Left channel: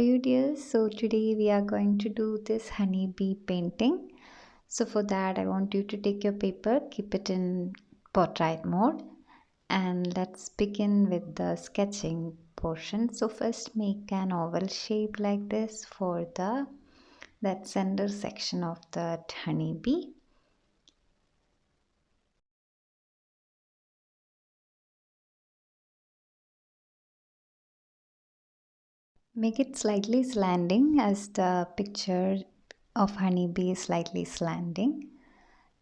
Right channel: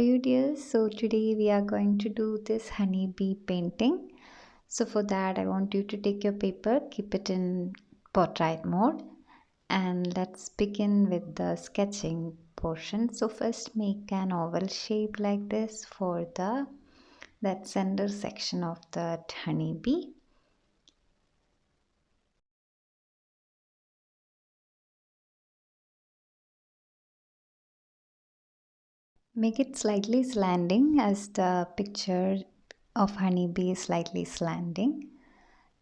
you, dears. So today we are going to do this honeybee painting. So for that I want you to take your paper, keep it in portrait mode, and let's begin with the sketching portion. So first make an oval shape like this for the that center section of the honeybee. Make it slightly slanting as the picture of honeybee is slightly slanting.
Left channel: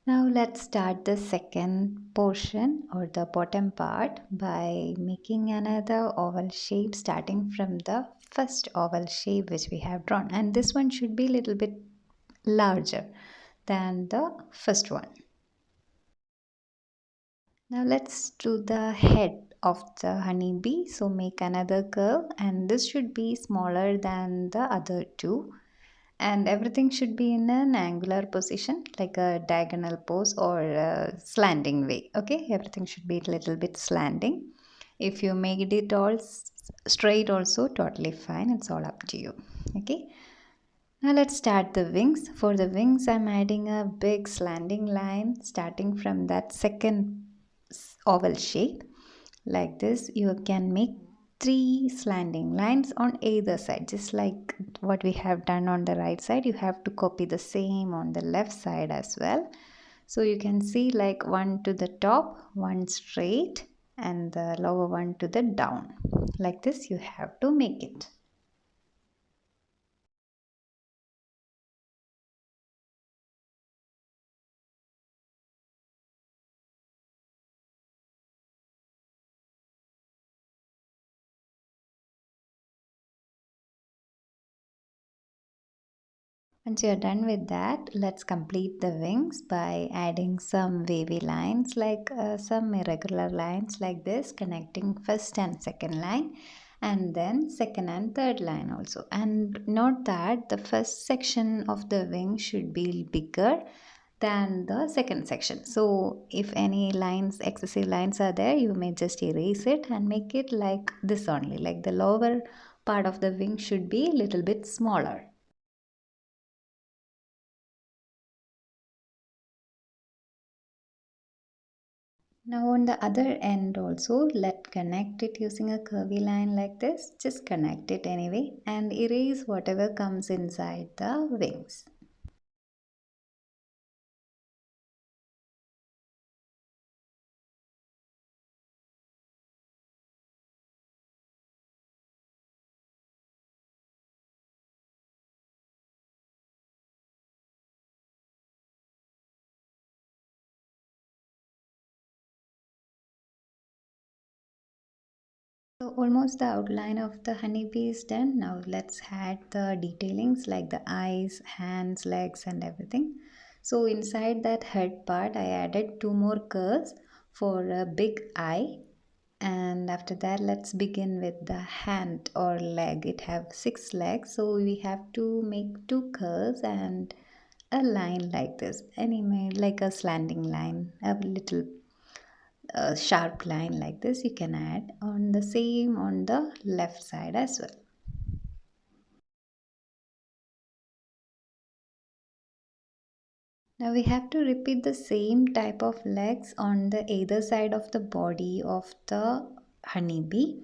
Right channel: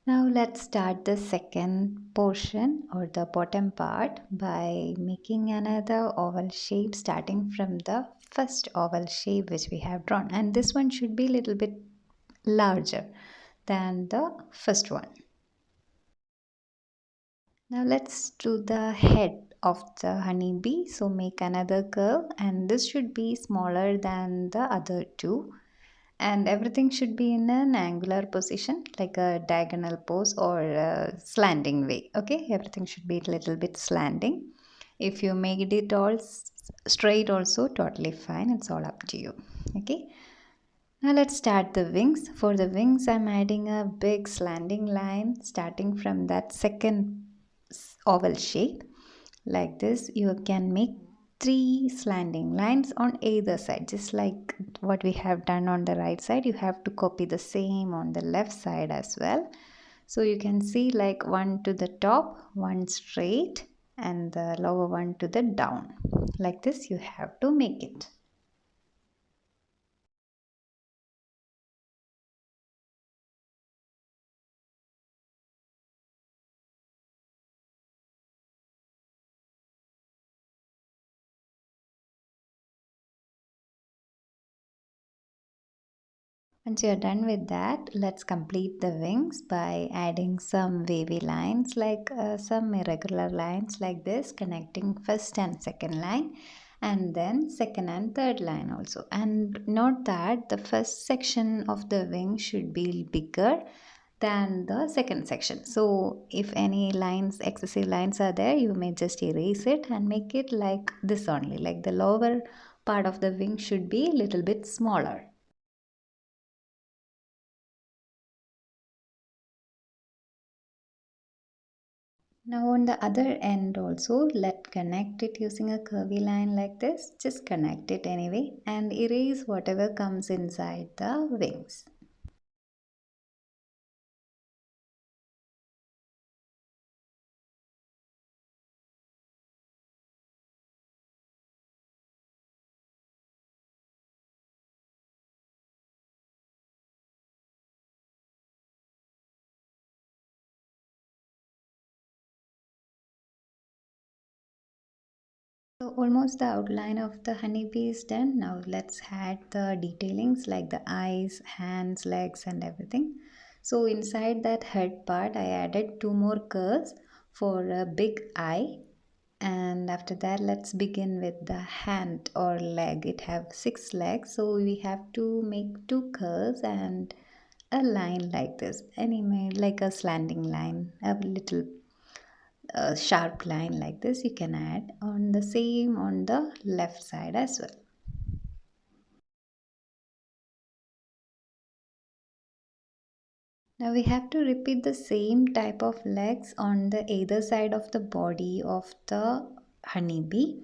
Now let's start the second portion or the bottom part by making another oval shape starting from the first oval shape which we have drawn, and this one should be a little bit larger than the first one. Now let's do the head of the honeybee. So make another curve, and this should be smaller than the other two, and everything should be in an angular position like a diagonal pose or a slanting way. Okay, everything should be a little bit slanting. If you make it all straight also, totally fine, it's all up to you. Okay, now let's start the wings. For the wings I'm adding a big slanting line starting from that second oval shape. Like this you can make three slanting lines on either side, just like what we have done on the right side. You have to copy the same on the left side as well. So you can see like one to the top, one straight, and the lower one to the down. Like this you have to make it. Once you're done with that, let's complete the wings by adding some wavy lines, like some irregular lines like this, connecting first and second line, and then second and third line also. And note that the first section of the wing should be bigger than the second section. So if any lines, excessive lines are there, you may just erase it and make it like this only, like the lower part of the wing should be a little bit smaller. Now on the other end also, let's connect it using a curvy line like this. Just connect it anyway and erase whatever comes inside the wings. So almost the outline of the honeybee is done. Now let's add the detailings like the eyes, hands, legs and everything. So inside that head part I added two more curves for a big eye, and after that let's begin with the hand or leg. It have 6 legs, so we have to make two curves and a line like this, anyway, like a slanting line, a little sharp line like this you can add on the same on the left side as well. Now we have to repeat the same type of legs on the either side of the body of the honeybee.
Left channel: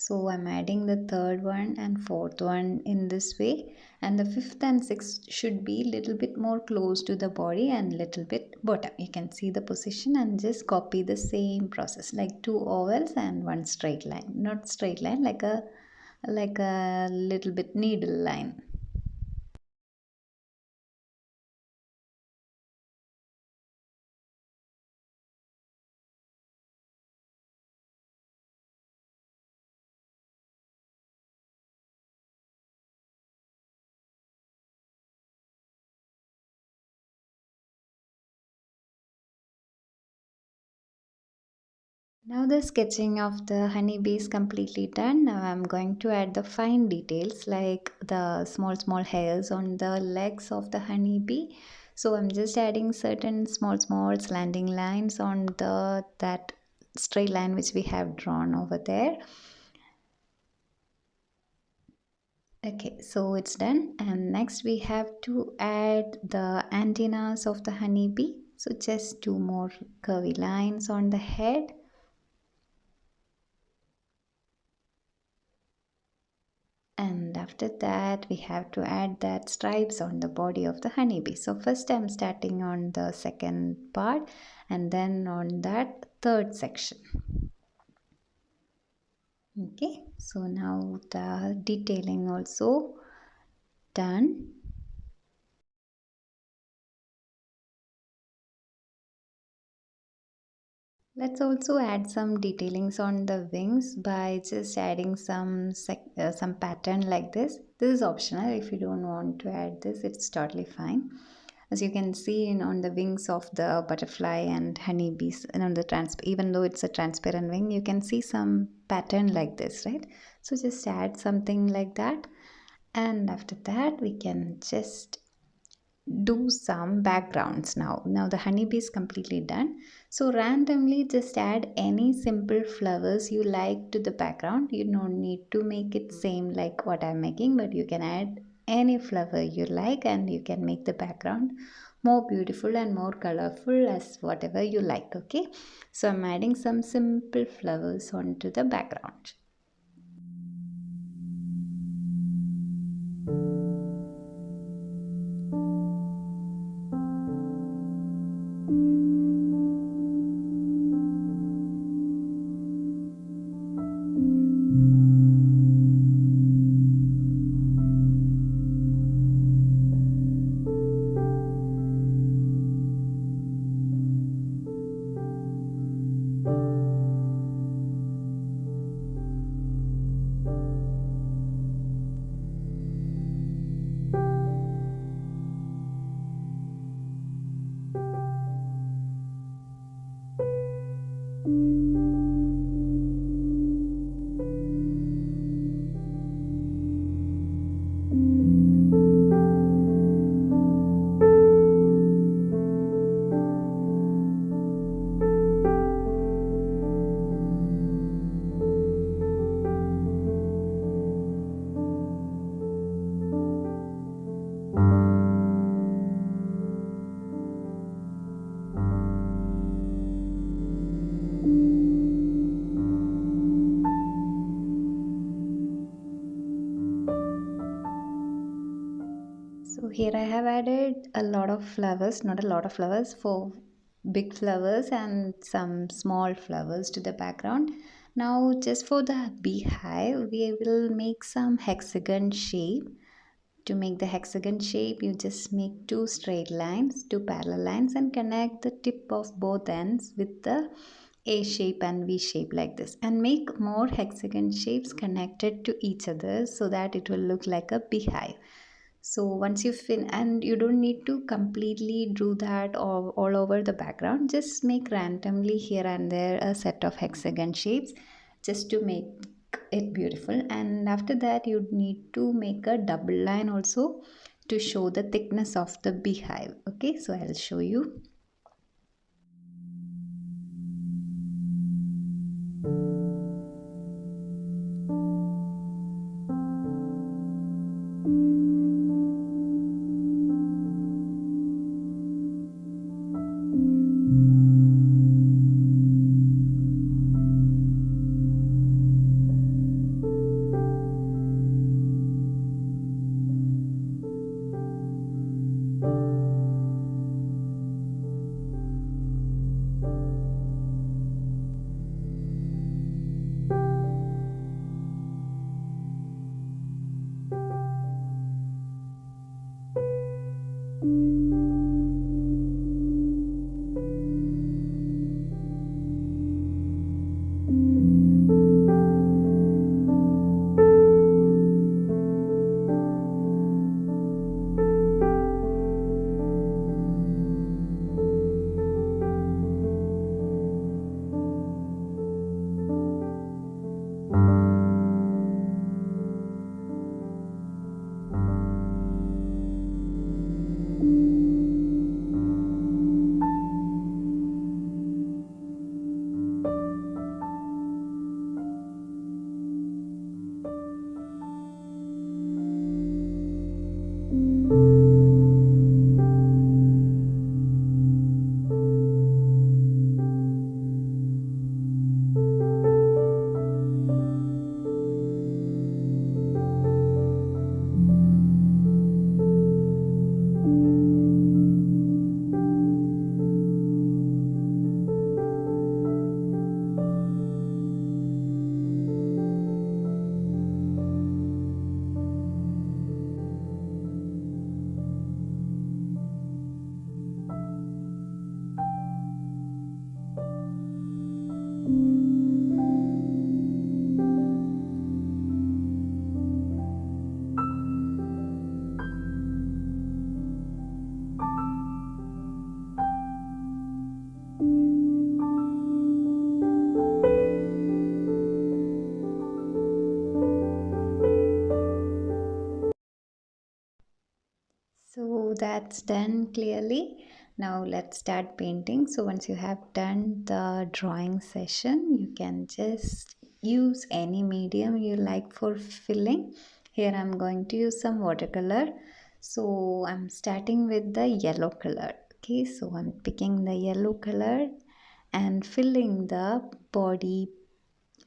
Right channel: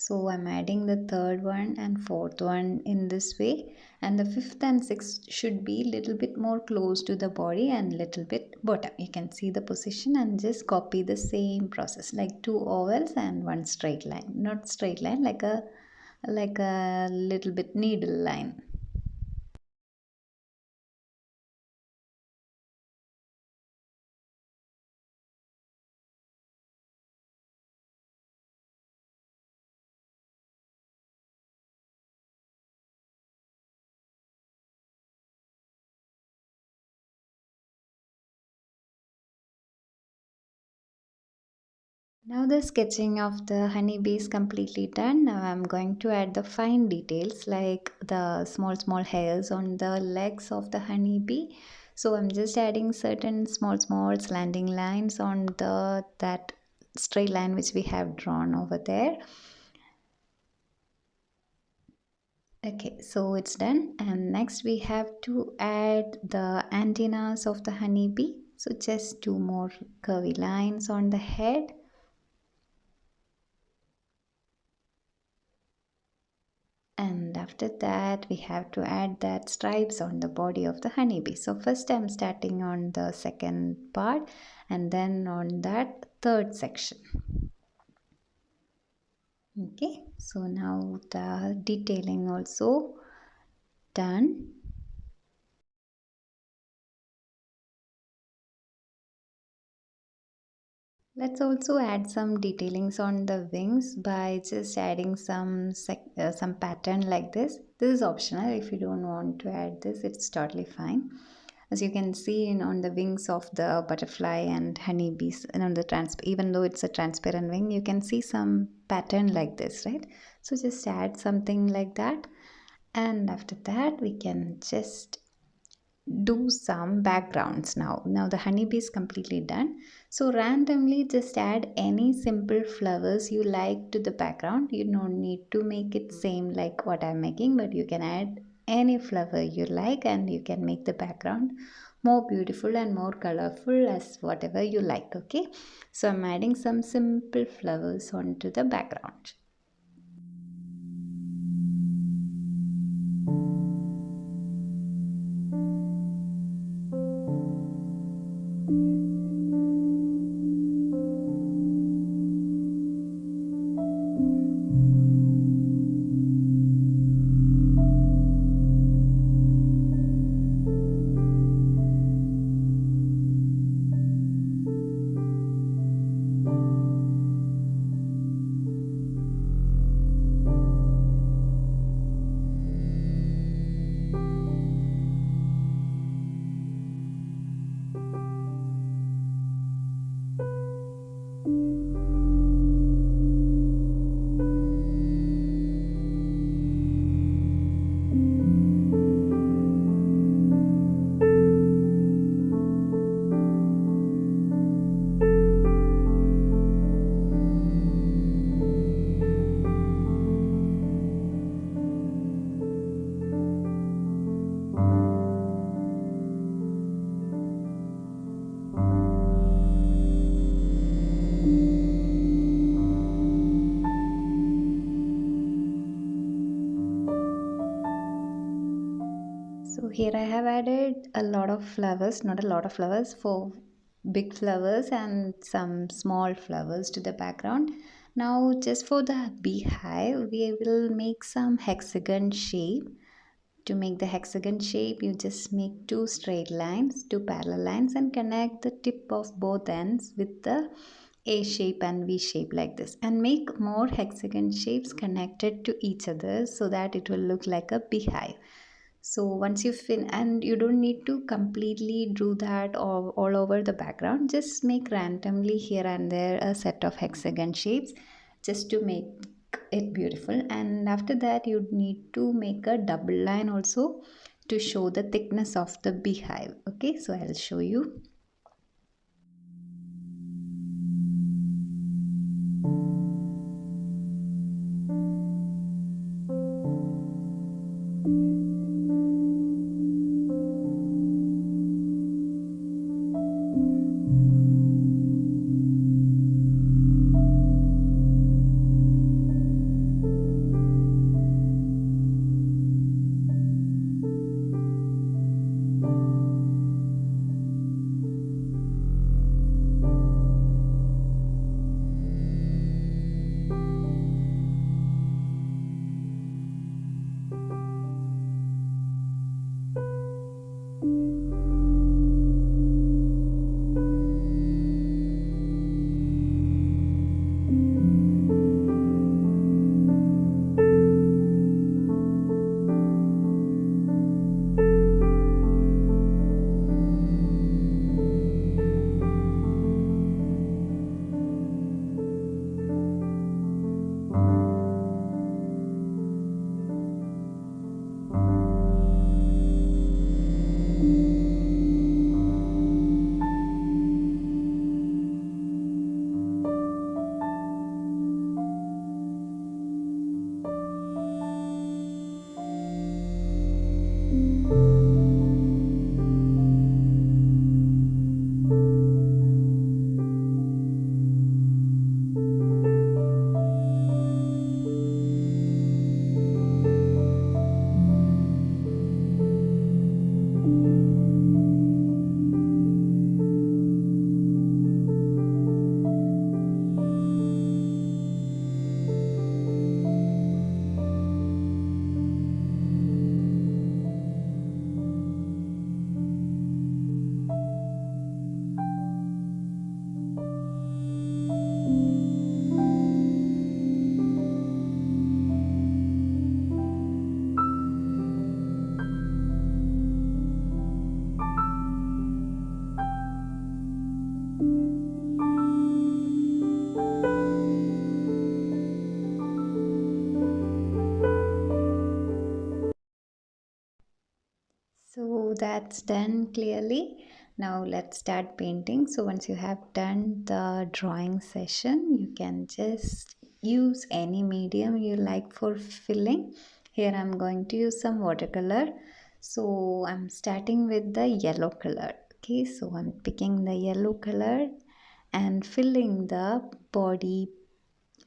So I'm adding the third one and fourth one in this way, and the fifth and sixth should be little bit more close to the body and little bit bottom. You can see the position and just copy the same process like two ovals and one straight line, not straight line, like a little bit needle line. Now the sketching of the honeybee is completely done. Now I'm going to add the fine details like the small hairs on the legs of the honeybee. So I'm just adding certain small slanting lines on the that straight line which we have drawn over there. Okay, so it's done. And next we have to add the antennas of the honeybee. So just two more curvy lines on the head. And after that, we have to add that stripes on the body of the honeybee. So first I'm starting on the second part and then on that third section. Okay, so now the detailing also done. Let's also add some detailings on the wings by just adding some pattern like this. This is optional. If you don't want to add this, it's totally fine. As you can see on the wings of the butterfly and honeybees, and on the even though it's a transparent wing, you can see some pattern like this, right? So just add something like that, and after that we can just do some backgrounds. Now the honeybee is completely done, so randomly just add any simple flowers you like to the background. You don't need to make it same like what I'm making, but you can add any flower you like and you can make the background more beautiful and more colorful as whatever you like. Okay, so I'm adding some simple flowers onto the background. So here I have added a lot of flowers, not a lot of flowers, four big flowers and some small flowers to the background. Now just for the beehive, we will make some hexagon shape. To make the hexagon shape, you just make two straight lines, two parallel lines, and connect the tip of both ends with the A shape and V shape like this, and make more hexagon shapes connected to each other so that it will look like a beehive. So once you and you don't need to completely do that all over the background, just make randomly here and there a set of hexagon shapes just to make it beautiful. And after that you need to make a double line also to show the thickness of the beehive. Okay, so I'll show you. So that's done clearly. Now let's start painting. So once you have done the drawing session, you can just use any medium you like for filling. Here I'm going to use some watercolor. So I'm starting with the yellow color. Okay, so I'm picking the yellow color and filling the body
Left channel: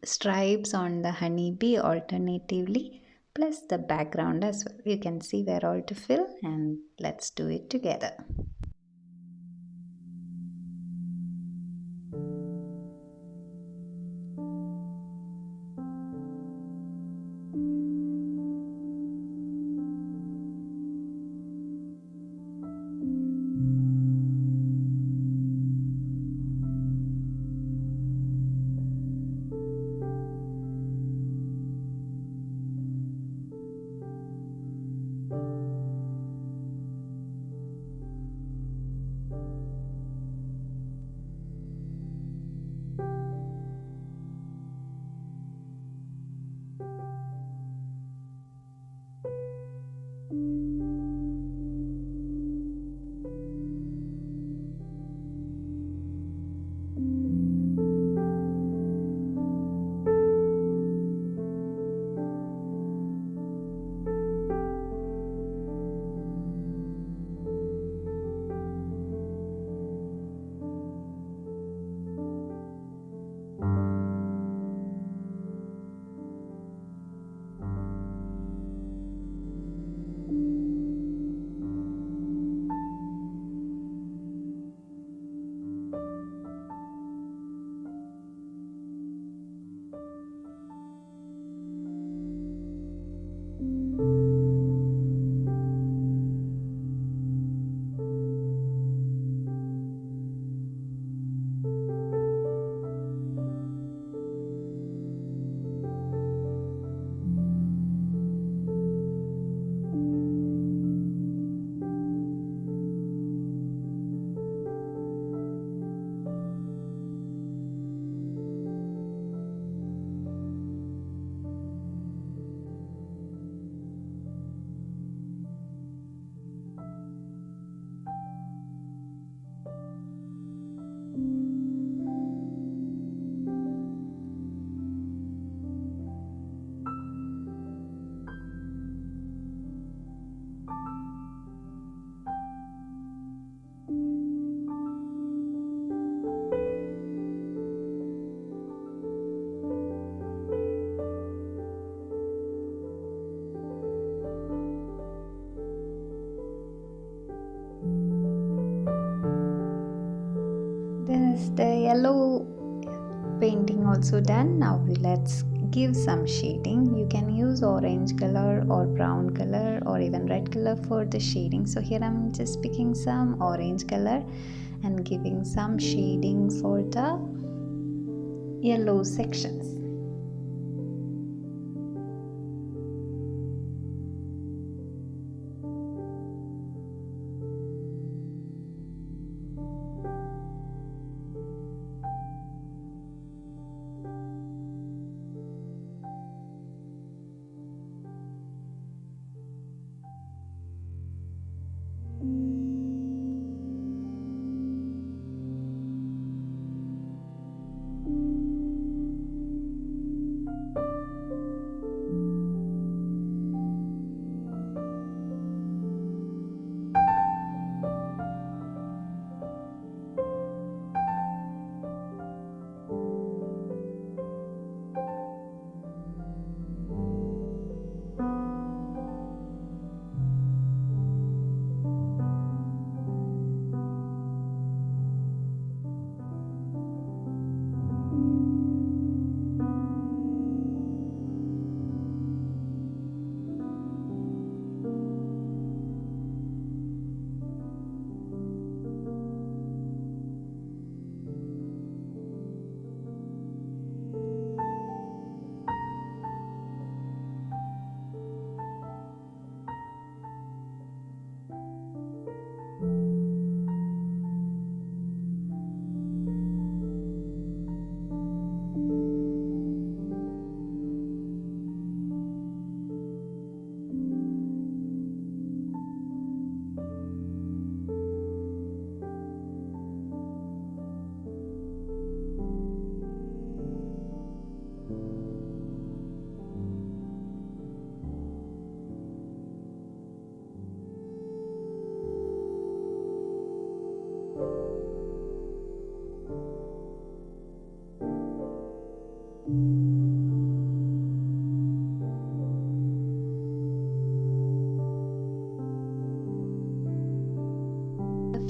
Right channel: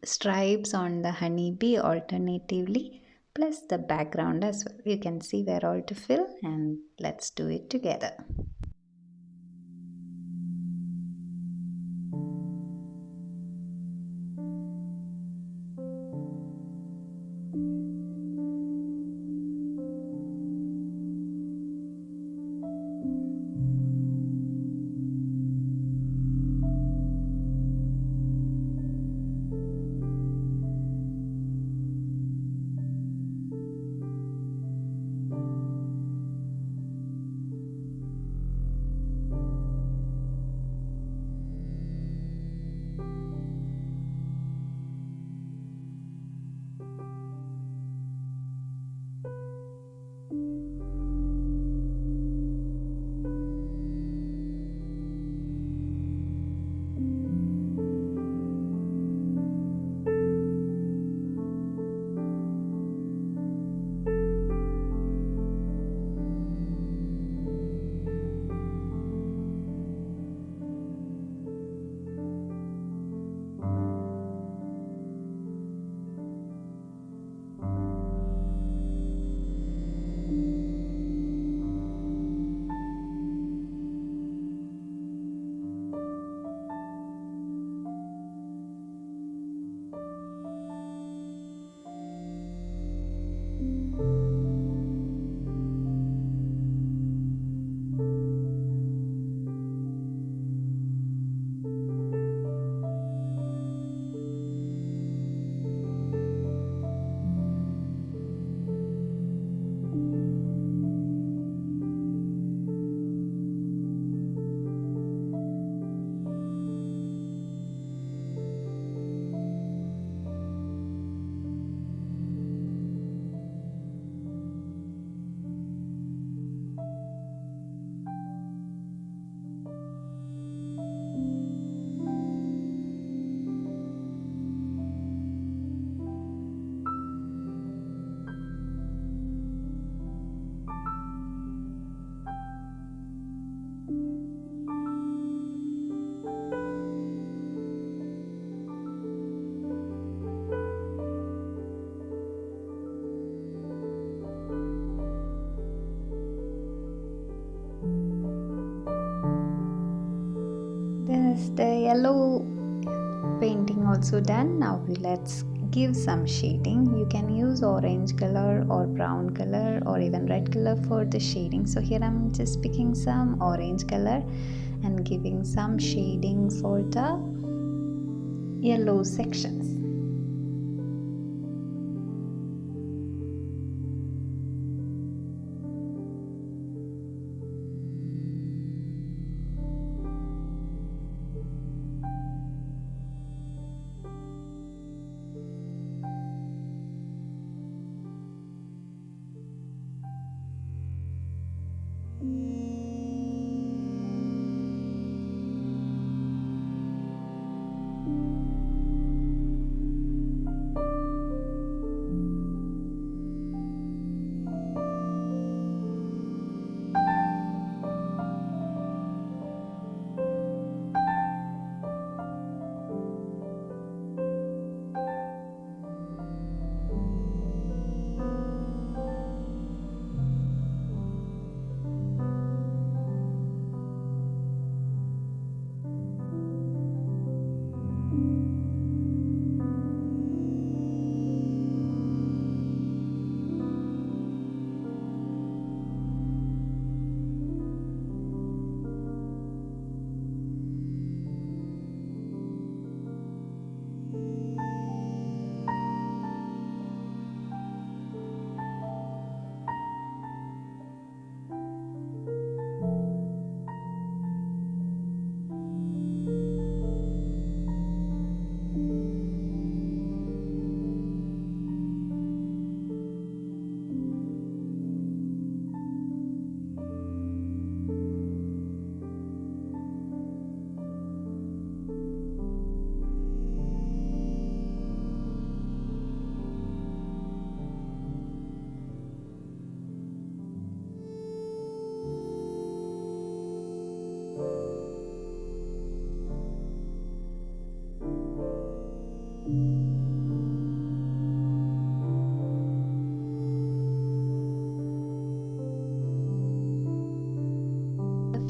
stripes on the honeybee alternatively, plus the background as well. You can see where all to fill, and let's do it together. There's the yellow painting also done. Now let's give some shading. You can use orange color or brown color or even red color for the shading. So here I'm just picking some orange color and giving some shading for the yellow sections.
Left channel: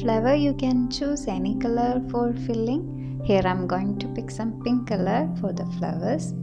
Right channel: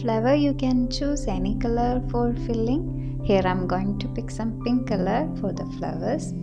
flower, you can choose any color for filling. Here I'm going to pick some pink color for the flowers.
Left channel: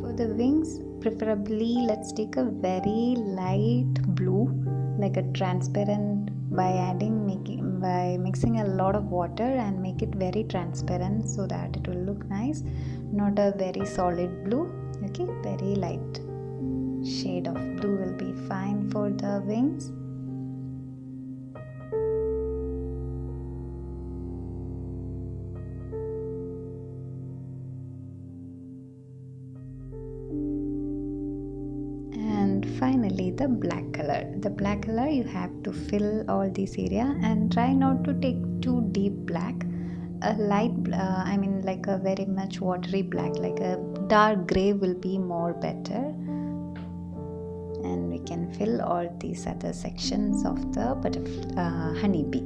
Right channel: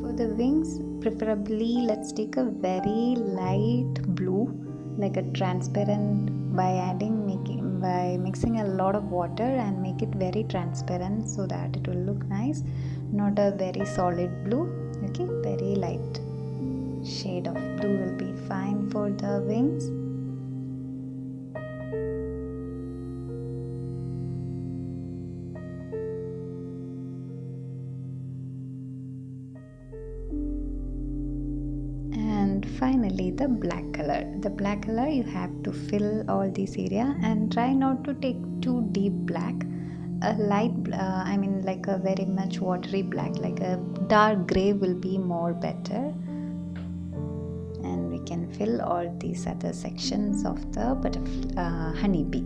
For the wings, preferably let's take a very light blue, like a transparent, by mixing a lot of water and make it very transparent so that it will look nice. Not a very solid blue. Okay, very light shade of blue will be fine for the wings. And finally the black color, you have to fill all this area and try not to take too deep black. A light I mean like a very much watery black, like a dark gray will be more better. And we can fill all these other sections of the honeybee.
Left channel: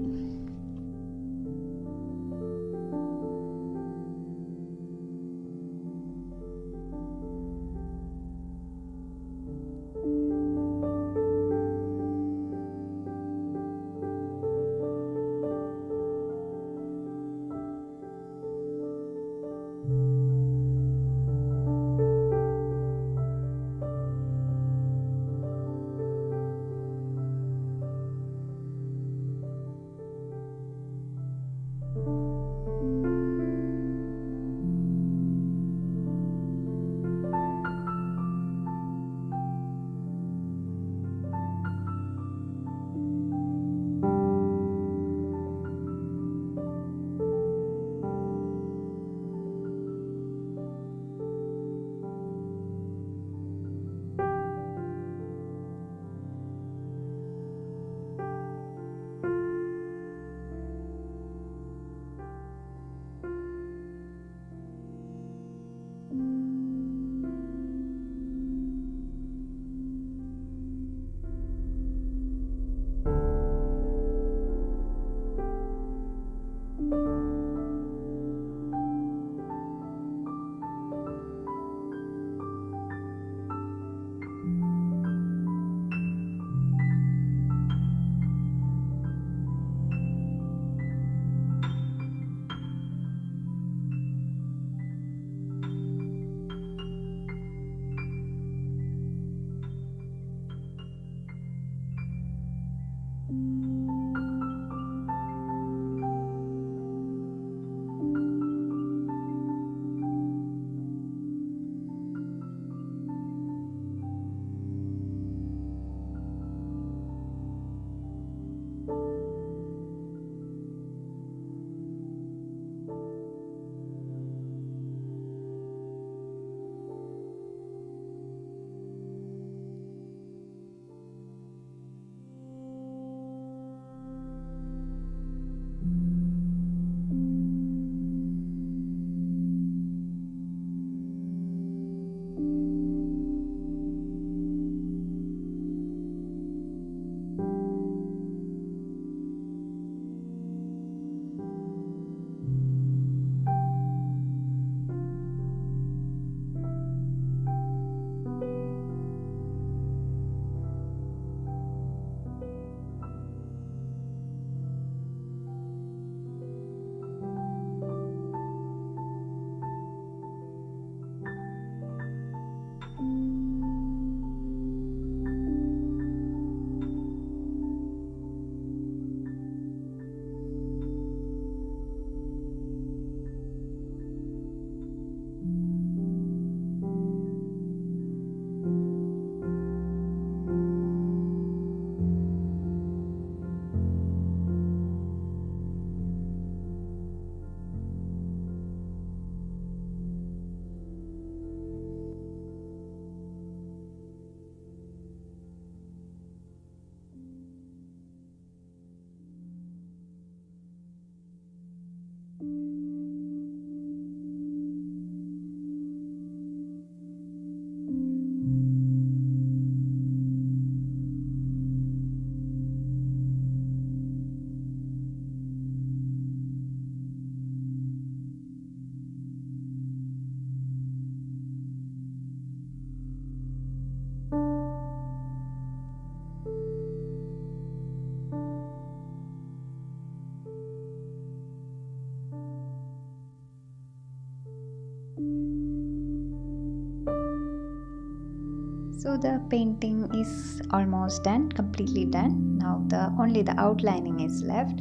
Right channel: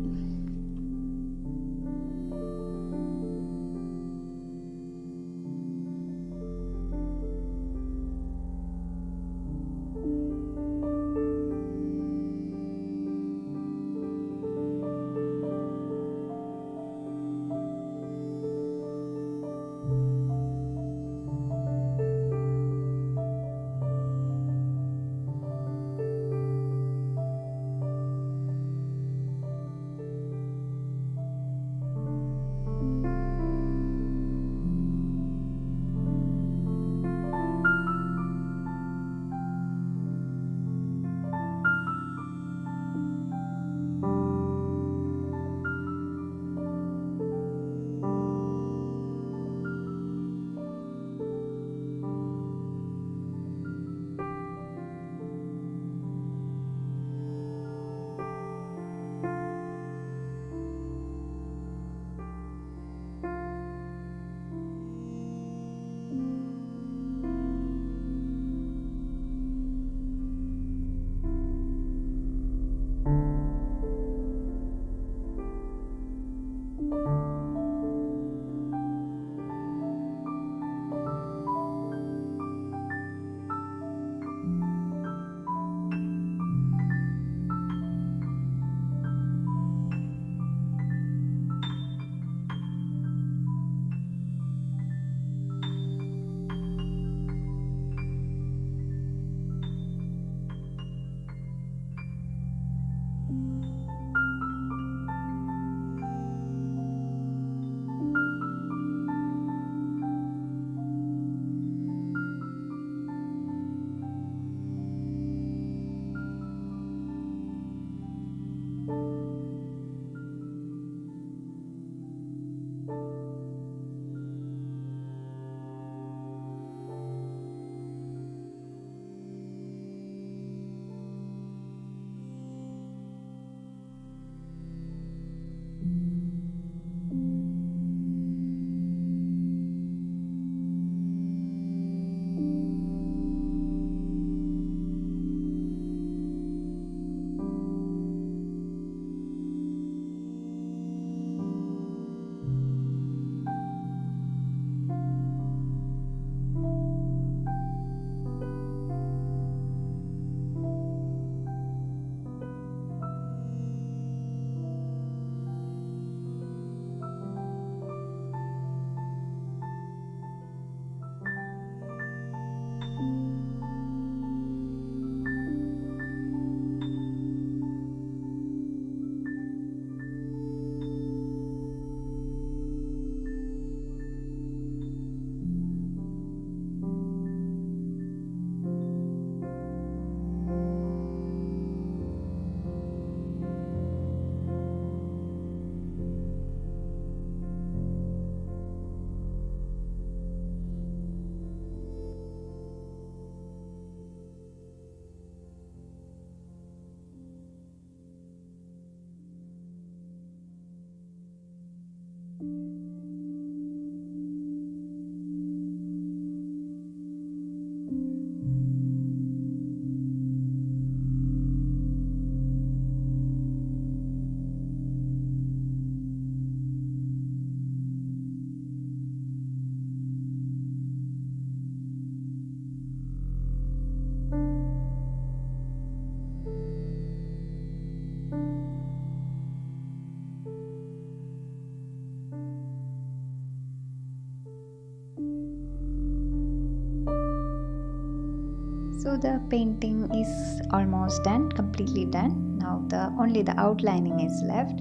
So the painting is almost done, completely done. Now the only the outlining is left,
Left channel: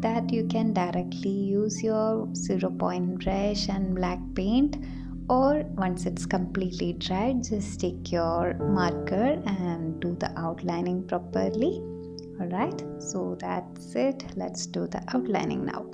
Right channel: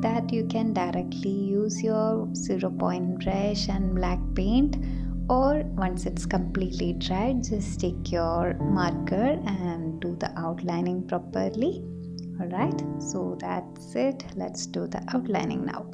that you can directly use your 0 point brush and black paint, or once it's completely dried just take your marker and do the outlining properly. Alright, so that's it. Let's do the outlining now.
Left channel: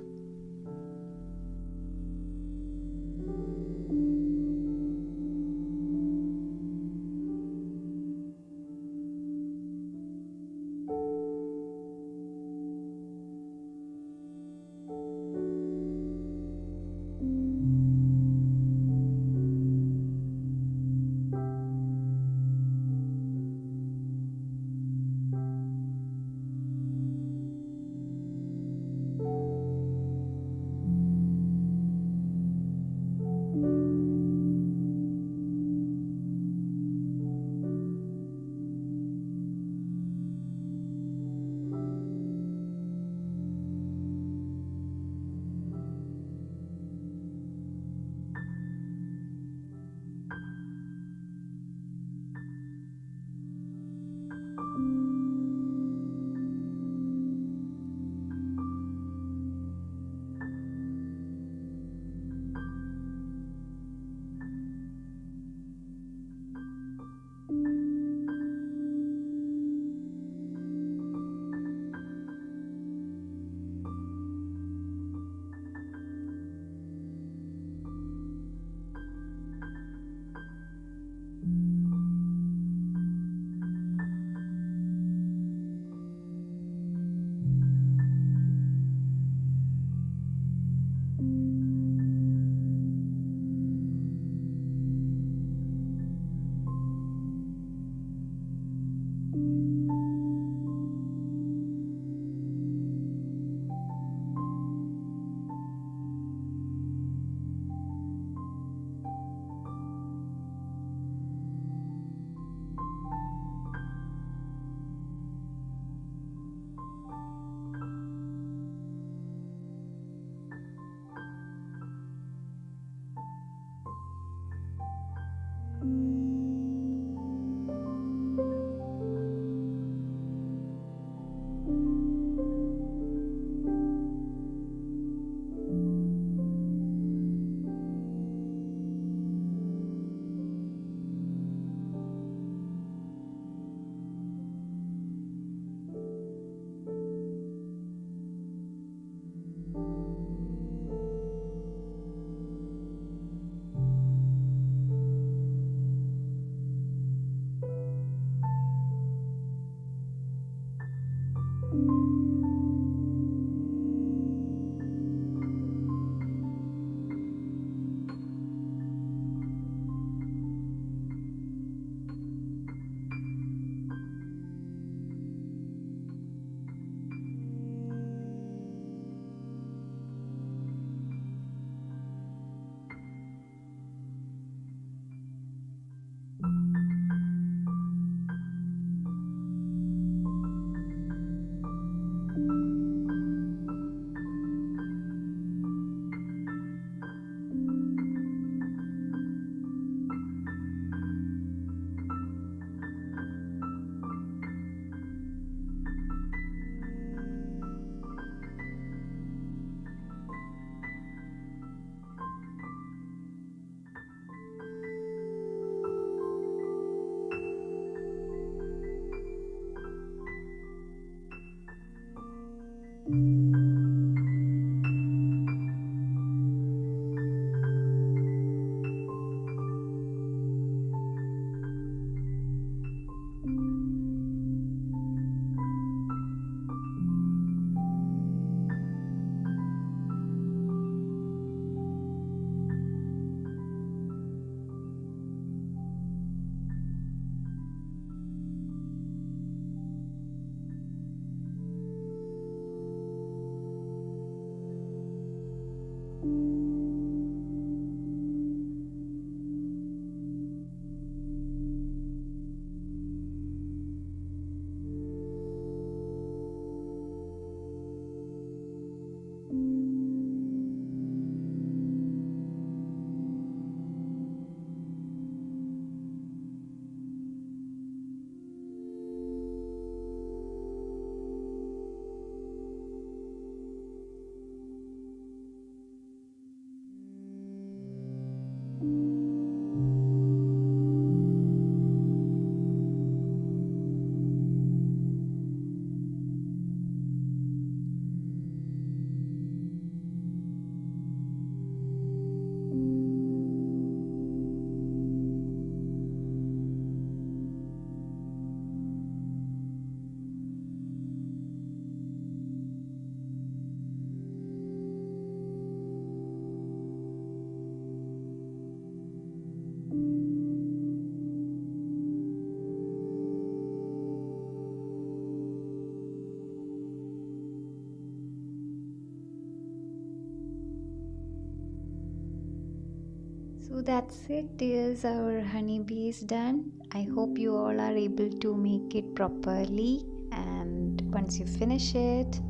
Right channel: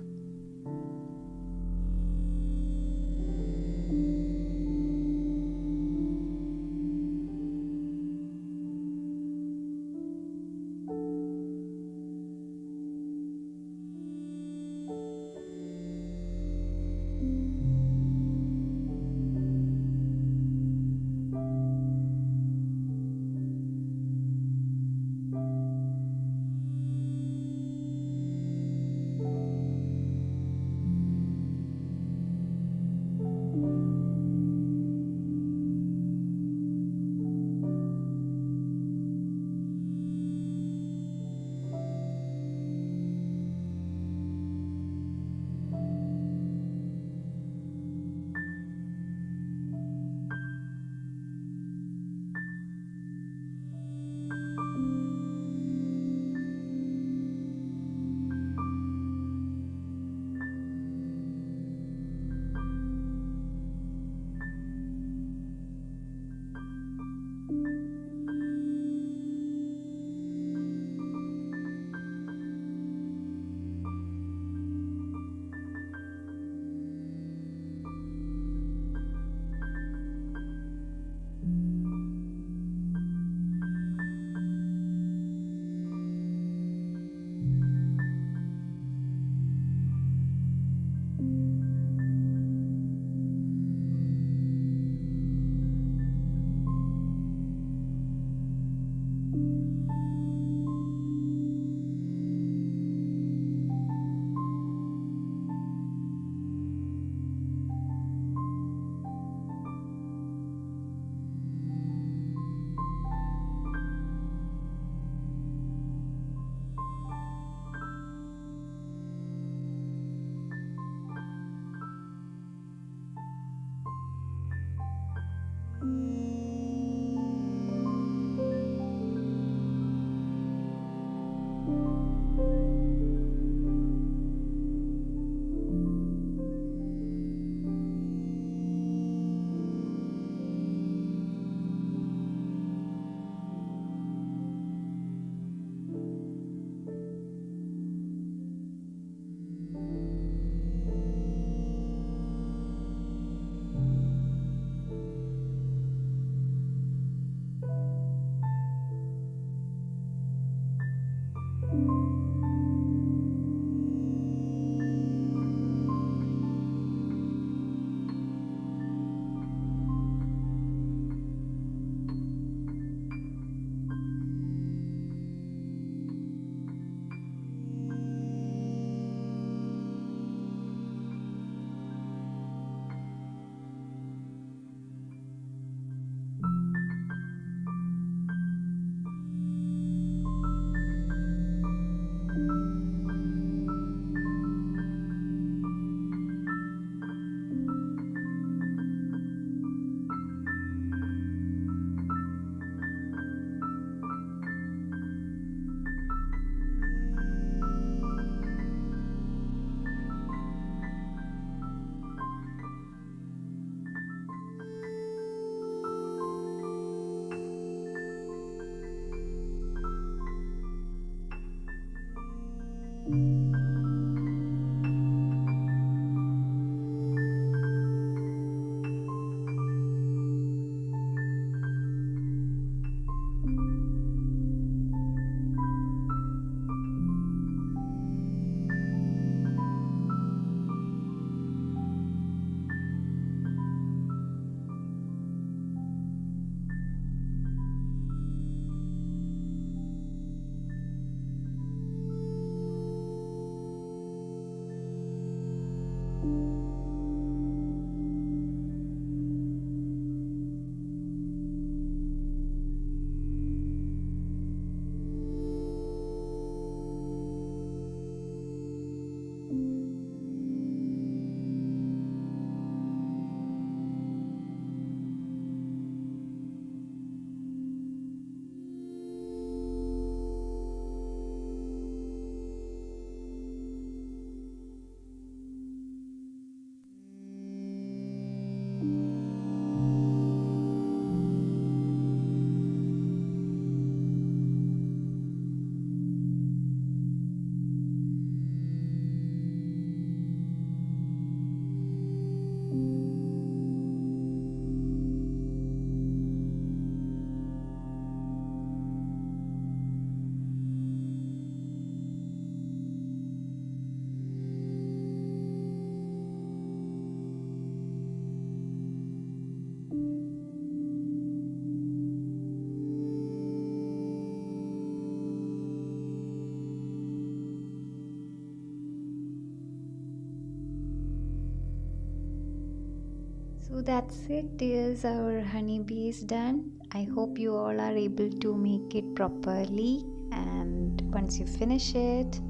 So that's it, dears. Our honeybee is done. I hope you all are able to make it properly. And once you finish it,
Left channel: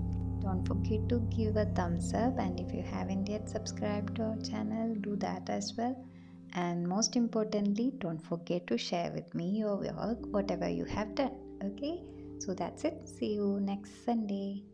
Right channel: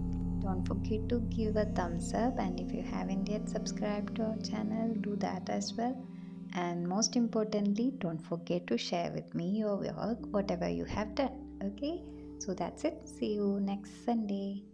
don't forget to give a thumbs up. And if you haven't yet subscribed to our channel, do that as well. And most importantly, don't forget to share with me your work, whatever you have done. Okay, so that's it. See you next Sunday.